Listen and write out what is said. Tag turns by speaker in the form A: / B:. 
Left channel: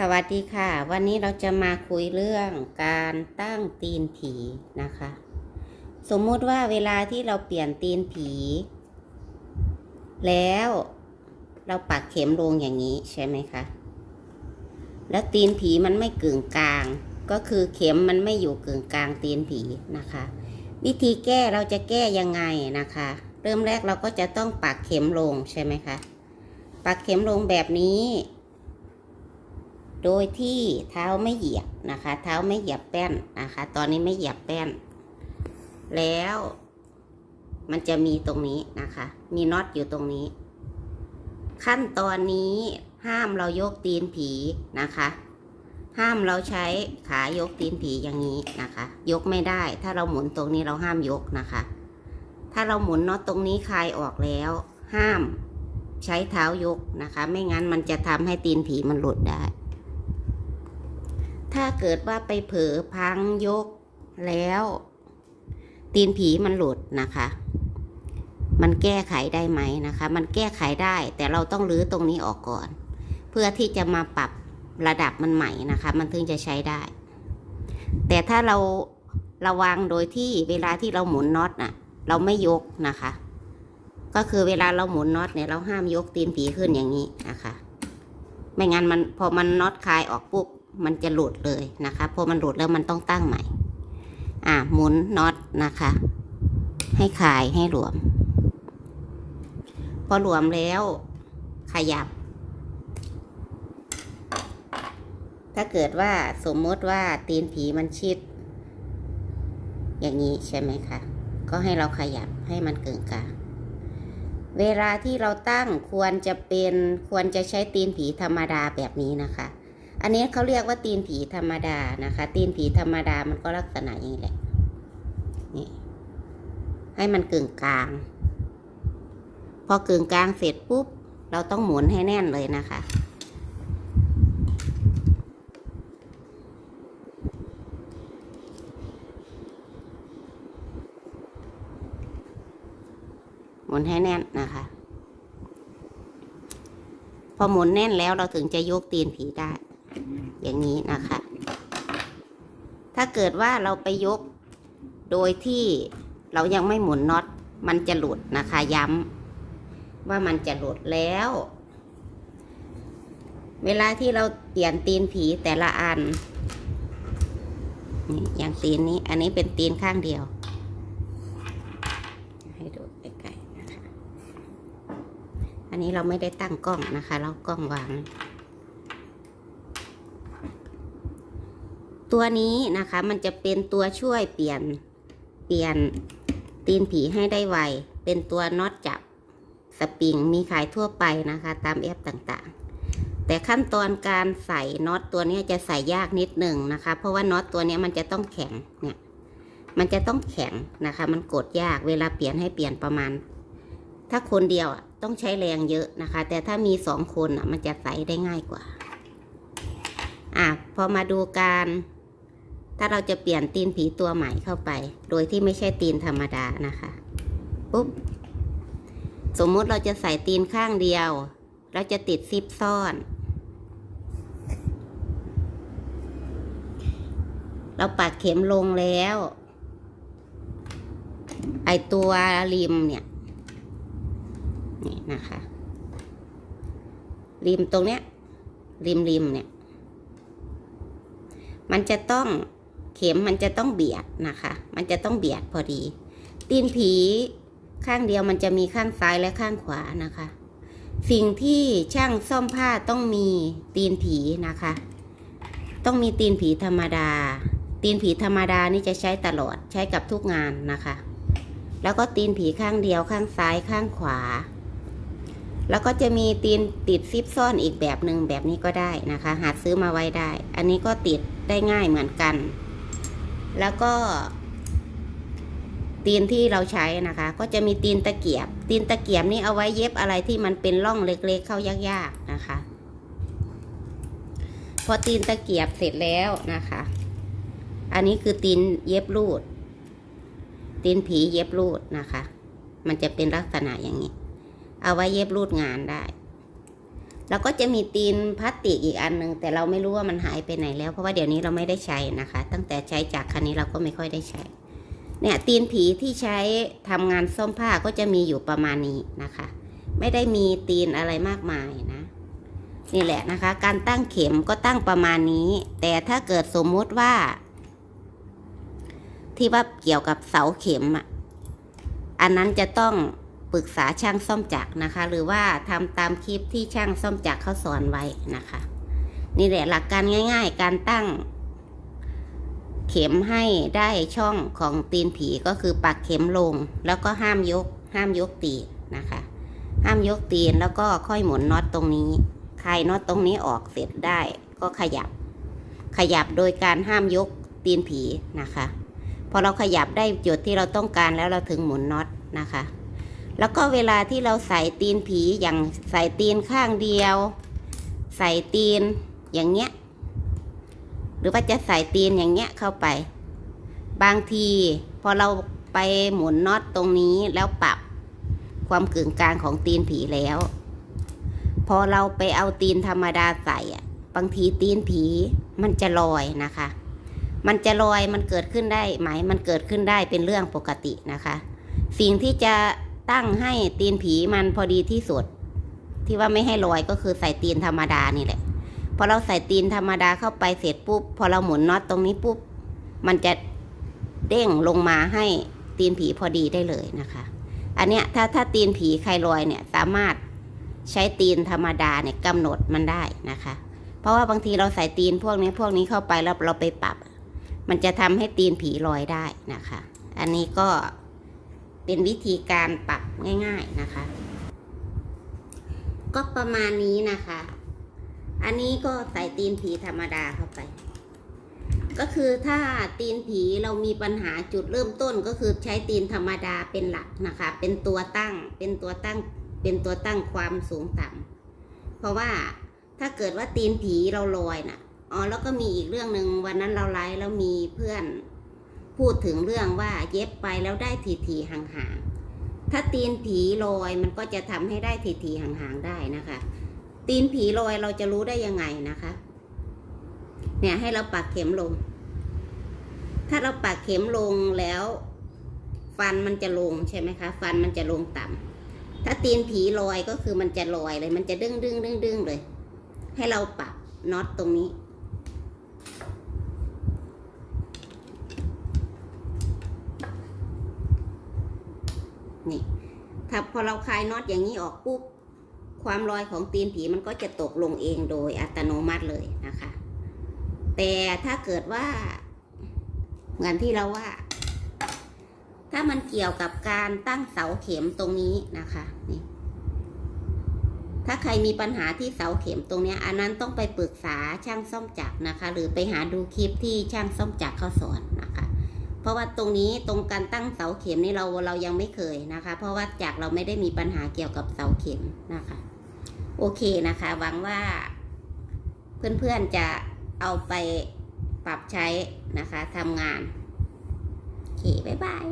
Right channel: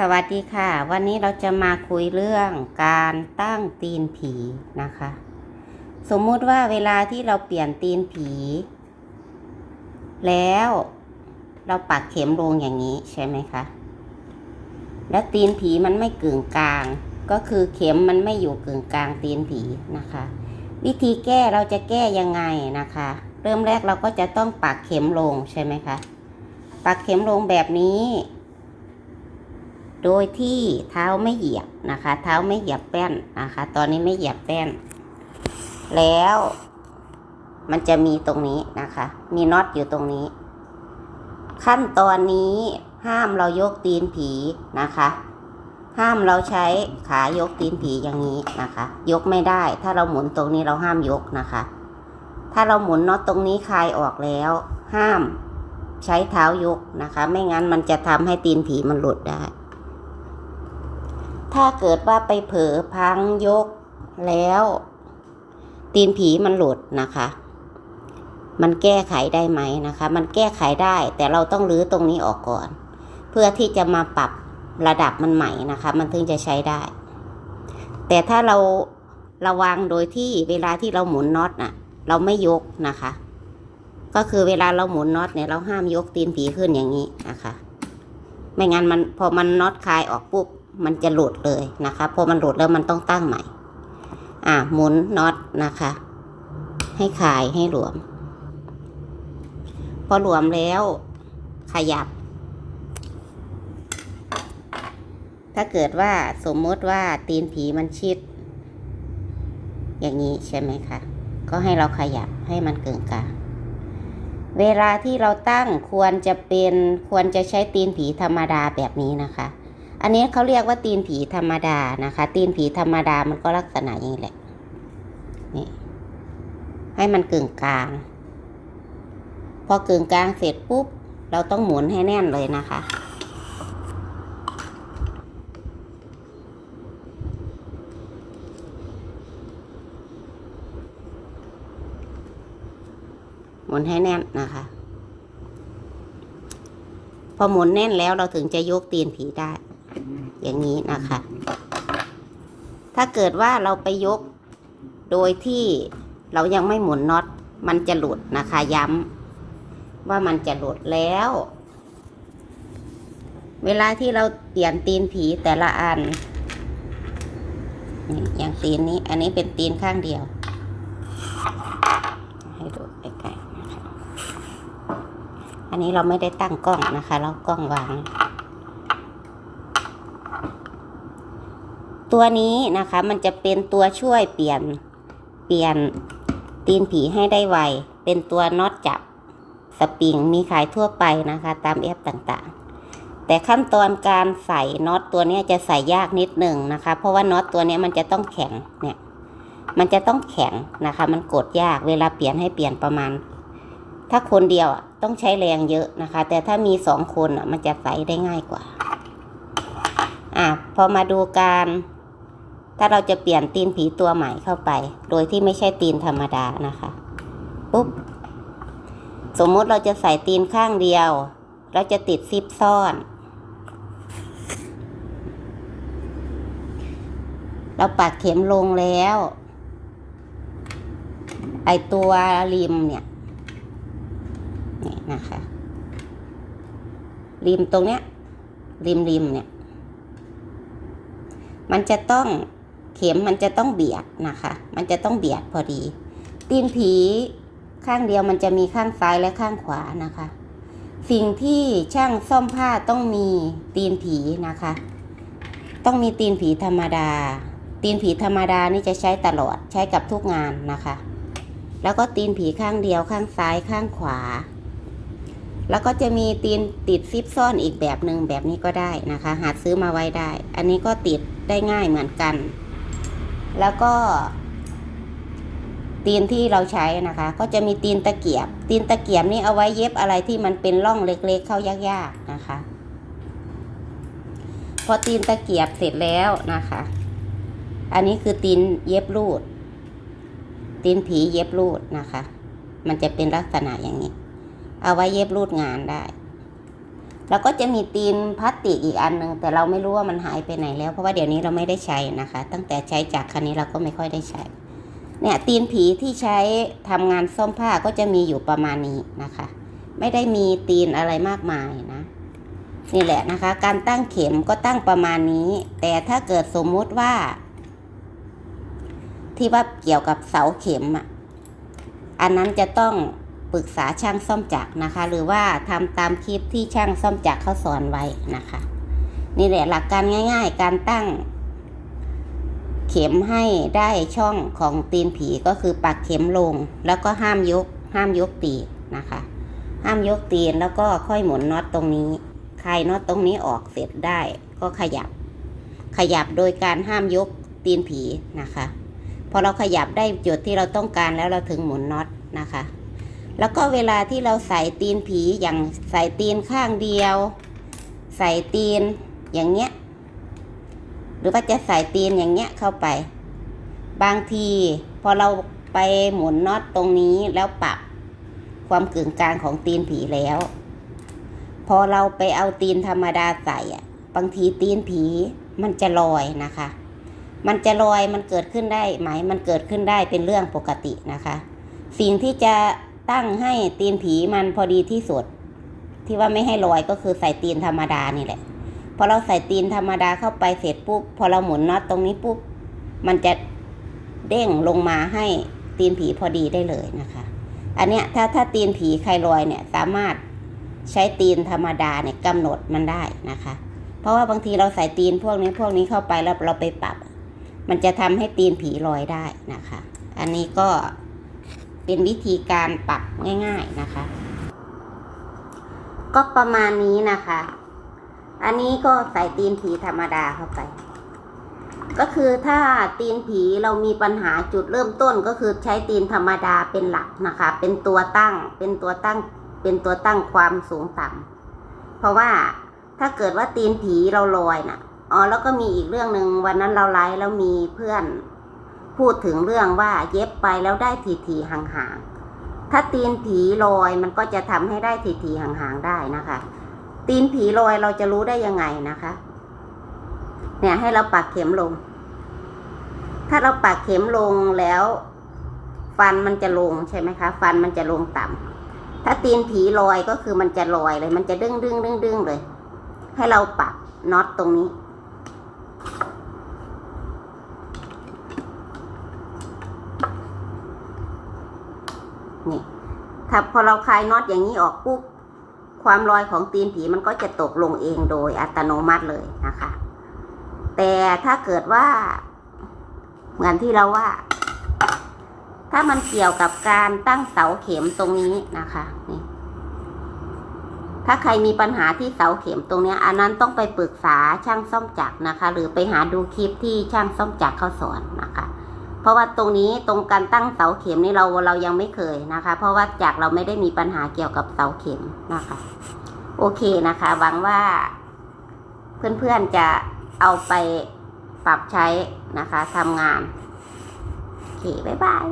A: สวัสดีค่ะ วันนี้เราจะมาคุยเรื่องการตั้งตีนผีนะคะ สมมุติว่าเวลาที่เราเปลี่ยนตีนผี แล้วเราปักเข็มลงอย่างนี้ใช่ไหมคะ และตีนผีมันไม่กึ่งกลาง ก็คือเข็มมันไม่อยู่กึ่งกลางตีนผีนะคะ วิธีแก้เราจะแก้ยังไงนะคะ เริ่มแรกเราก็จะต้องปักเข็มลงใช่ไหมคะปักเข็มลงแบบนี้ โดยที่เท้าไม่เหยียบนะคะ เท้าไม่เหยียบแป้นนะคะ ตอนนี้ไม่เหยียบแป้น แล้วมันจะมีตรงนี้นะคะ มีน็อตอยู่ตรงนี้ ขั้นตอนนี้ห้ามเรายกตีนผีนะคะ ห้ามเราใช้ขายกตีนผีอย่างนี้นะคะ ยกไม่ได้ ถ้าเราหมุนตรงนี้เราห้ามยกนะคะ ถ้าเราหมุนน็อตตรงนี้คลายออกแล้ว ห้ามใช้เท้ายกนะคะ ไม่งั้นมันจะทำให้ตีนผีมันหลุดได้ ถ้าเกิดว่าไปเผลอพังยกแล้ว ตีนผีมันหลุดนะคะ มันแก้ไขได้ไหมนะคะ มันแก้ไขได้ แต่เราต้องรื้อตรงนี้ออกก่อน เพื่อที่จะมาปรับระดับมันใหม่นะคะ มันถึงจะใช้ได้ แต่ถ้าเราระวังโดยที่เวลาที่เราหมุนน็อตน่ะ เราไม่ยกนะคะ ก็คือเวลาเราหมุนน็อตเนี่ยเราห้ามยกตีนผีขึ้นอย่างนี้นะคะ ไม่งั้นมันพอมันน็อตคลายออกปุ๊บ มันจะหลุดเลยนะคะพอมันหลุดแล้วมันต้องตั้งใหม่ อ่าหมุนน็อตนะคะ ให้คลายให้หลวม พอหลวมแล้วขยับ ถ้าเกิดว่าสมมติว่าตีนผีมันชิด อย่างนี้ใช่ไหมคะ ก็ให้เราขยับให้มันเกึ่งกลางเวลาที่เราตั้งควรจะเป็นควรจะใช้ตีนผีธรรมดาแบบนี้นะคะ อันนี้เขาเรียกว่าตีนผีธรรมดานะคะ ตีนผีธรรมดามันก็ลักษณะอย่างนี้แหละ นี่ ให้มันกึ่งกลาง พอกึ่งกลางเสร็จปุ๊บ เราต้องหมุนให้แน่นเลยนะคะ หมุนให้แน่นนะคะ พอหมุนแน่นแล้วเราถึงจะยกตีนผีได้ อย่างนี้นะคะ ถ้าเกิดว่าเราไปยกโดยที่เรายังไม่หมุนน็อต มันจะหลุดนะคะย้ำว่ามันจะหลุดแล้ว เวลาที่เราเปลี่ยนตีนผีแต่ละอันอย่างตีนนี้ อันนี้เป็นตีนข้างเดียว ให้ดูใกล้ๆนะคะ อันนี้เราไม่ได้ตั้งกล้องนะคะ เรากล้องวาง ตัวนี้นะคะมันจะเป็นตัวช่วยเปลี่ยนเปลี่ยนตีนผีให้ได้ไว เป็นตัวน็อตจับสปริงมีขายทั่วไปนะคะ ตามแอปต่างๆ แต่ขั้นตอนการใส่น็อตตัวนี้จะใส่ยากนิดหนึ่งนะคะ เพราะว่าน็อตตัวนี้มันจะต้องแข็งเนี่ยมันจะต้องแข็งนะคะ มันกดยากเวลาเปลี่ยนให้เปลี่ยนประมาณ ถ้าคนเดียวต้องใช้แรงเยอะนะคะ แต่ถ้ามีสองคนอะมันจะใส่ได้ง่ายกว่าอะพอมาดูการ ถ้าเราจะเปลี่ยนตีนผีตัวใหม่เข้าไป โดยที่ไม่ใช่ตีนธรรมดานะคะปุ๊บสมมติเราจะใส่ตีนข้างเดียว เราจะติดซิปซ่อน เราปักเข็มลงแล้ว ไอตัวริมเนี่ยนี่นะคะ ริมตรงเนี้ย ริมริมเนี่ย มันจะต้อง เข็มมันจะต้องเบียดนะคะ มันจะต้องเบียดพอดี ตีนผีข้างเดียวมันจะมีข้างซ้ายและข้างขวานะคะ สิ่งที่ช่างซ่อมผ้าต้องมีตีนผีนะคะ ต้องมีตีนผีธรรมดา ตีนผีธรรมดานี่จะใช้ตลอดใช้กับทุกงานนะคะ แล้วก็ตีนผีข้างเดียวข้างซ้ายข้างขวา แล้วก็จะมีตีนติดซิปซ่อนอีกแบบหนึ่งแบบนี้ก็ได้นะคะ หาซื้อมาไว้ได้ อันนี้ก็ติดได้ง่ายเหมือนกัน แล้วก็ ตีนที่เราใช้นะคะ ก็จะมีตีนตะเกียบ ตีนตะเกียบนี่เอาไว้เย็บอะไรที่มันเป็นร่องเล็กๆเข้ายากๆนะคะ พอตีนตะเกียบเสร็จแล้วนะคะ อันนี้คือตีนเย็บรูด ตีนผีเย็บรูดนะคะ มันจะเป็นลักษณะอย่างนี้ เอาไว้เย็บรูดงานได้ แล้วก็จะมีตีนพลาสติกอีกอันหนึ่งแต่เราไม่รู้ว่ามันหายไปไหนแล้ว เพราะว่าเดี๋ยวนี้เราไม่ได้ใช้นะคะ ตั้งแต่ใช้จากคันนี้เราก็ไม่ค่อยได้ใช้ เนี่ยตีนผีที่ใช้ทำงานซ่อมผ้าก็จะมีอยู่ประมาณนี้นะคะ ไม่ได้มีตีนอะไรมากมายนะนี่แหละนะคะ การตั้งเข็มก็ตั้งประมาณนี้ แต่ถ้าเกิดสมมุติว่า ที่ว่าเกี่ยวกับเสาเข็มอะอันนั้นจะต้อง ปรึกษาช่างซ่อมจักรนะคะ หรือว่าทำตามคลิปที่ช่างซ่อมจักรเขาสอนไว้นะคะ นี่แหละหลักการง่าย ๆ การตั้ง เข็มให้ได้ช่องของตีนผีก็คือปักเข็มลง แล้วก็ห้ามยก ห้ามยกตีนนะคะ ห้ามยกตีนแล้วก็ค่อยหมุนน็อตตรงนี้คลายน็อตตรงนี้ออกเสร็จได้ ก็ขยับ ขยับโดยการห้ามยกตีนผีนะคะพอเราขยับได้จุดที่เราต้องการแล้วเราถึงหมุนน็อตนะคะ แล้วก็เวลาที่เราใส่ตีนผีอย่างใส่ตีนข้างเดียว ใส่ตีนอย่างเงี้ย หรือว่าจะใส่ตีนอย่างเงี้ยเข้าไป บางทีพอเราไปหมุนน็อตตรงนี้แล้วปรับความกึ่งกลางของตีนผีแล้ว พอเราไปเอาตีนธรรมดาใส่อะบางทีตีนผีมันจะลอยนะคะ มันจะลอยมันเกิดขึ้นได้ไหมมันเกิดขึ้นได้เป็นเรื่องปกตินะคะ สิ่งที่จะ ตั้งให้ตีนผีมันพอดีที่สุด ที่ว่าไม่ให้ลอยก็คือใส่ตีนธรรมดานี่แหละพอเราใส่ตีนธรรมดาเข้าไปเสร็จปุ๊บพอเราหมุนน็อตตรงนี้ปุ๊บมันจะเด้งลงมาให้ตีนผีพอดีได้เลยนะคะ อันเนี้ยถ้าถ้าตีนผีใครลอยเนี่ยสามารถใช้ตีนธรรมดาเนี่ยกำหนดมันได้นะคะ เพราะว่าบางทีเราใส่ตีนพวกนี้พวกนี้เข้าไปแล้วเราไปปรับ มันจะทำให้ตีนผีลอยได้นะคะ อันนี้ก็ เป็นวิธีการปรับง่าย ๆนะคะ ก็ประมาณนี้นะคะ อันนี้ก็ใส่ตีนผีธรรมดาเข้าไป ก็คือถ้าตีนผีเรามีปัญหาจุดเริ่มต้นก็คือใช้ตีนธรรมดาเป็นหลักนะคะ เป็นตัวตั้ง เป็นตัวตั้ง เป็นตัวตั้งความสูงต่ำเพราะว่าถ้าเกิดว่าตีนผีเราลอยน่ะอ๋อแล้วก็มีอีกเรื่องหนึ่งวันนั้นเราไลฟ์แล้วมีเพื่อน พูดถึงเรื่องว่าเย็บไปแล้วได้ทีทีๆห่างๆ ถ้าตีนผีลอยมันก็จะทำให้ได้ทีทีๆห่างๆได้นะคะ ตีนผีลอยเราจะรู้ได้ยังไงนะคะ เนี่ยให้เราปักเข็มลง ถ้าเราปักเข็มลงแล้ว ฟันมันจะลงใช่ไหมคะ ฟันมันจะลงต่ำถ้าตีนผีลอยก็คือมันจะลอยเลย มันจะดึงดึงดึงดึงเลย ให้เราปักน็อตตรงนี้ นี่ถ้าพอเราคลายน็อตอย่างนี้ออกปุ๊บความลอยของตีนผีมันก็จะตกลงเองโดยอัตโนมัติเลยนะคะ แต่ถ้าเกิดว่า เหมือนที่เราว่า ถ้ามันเกี่ยวกับการตั้งเสาเข็มตรงนี้นะคะนี่ถ้าใครมีปัญหาที่เสาเข็มตรงนี้อันนั้นต้องไปปรึกษาช่างซ่อมจักรนะคะ หรือไปหาดูคลิปที่ช่างซ่อมจักรเขาสอนนะคะ ราะว่าตรงนี้ตรงการตั้งเสาเข็มนี่เราเรายังไม่เคยนะคะ เพราะว่าจากเราไม่ได้มีปัญหาเกี่ยวกับเสาเข็มนะคะ โอเคนะคะ หวังว่าเพื่อนๆจะเอาไปปรับใช้นะคะทำงานโอเคบ๊ายบาย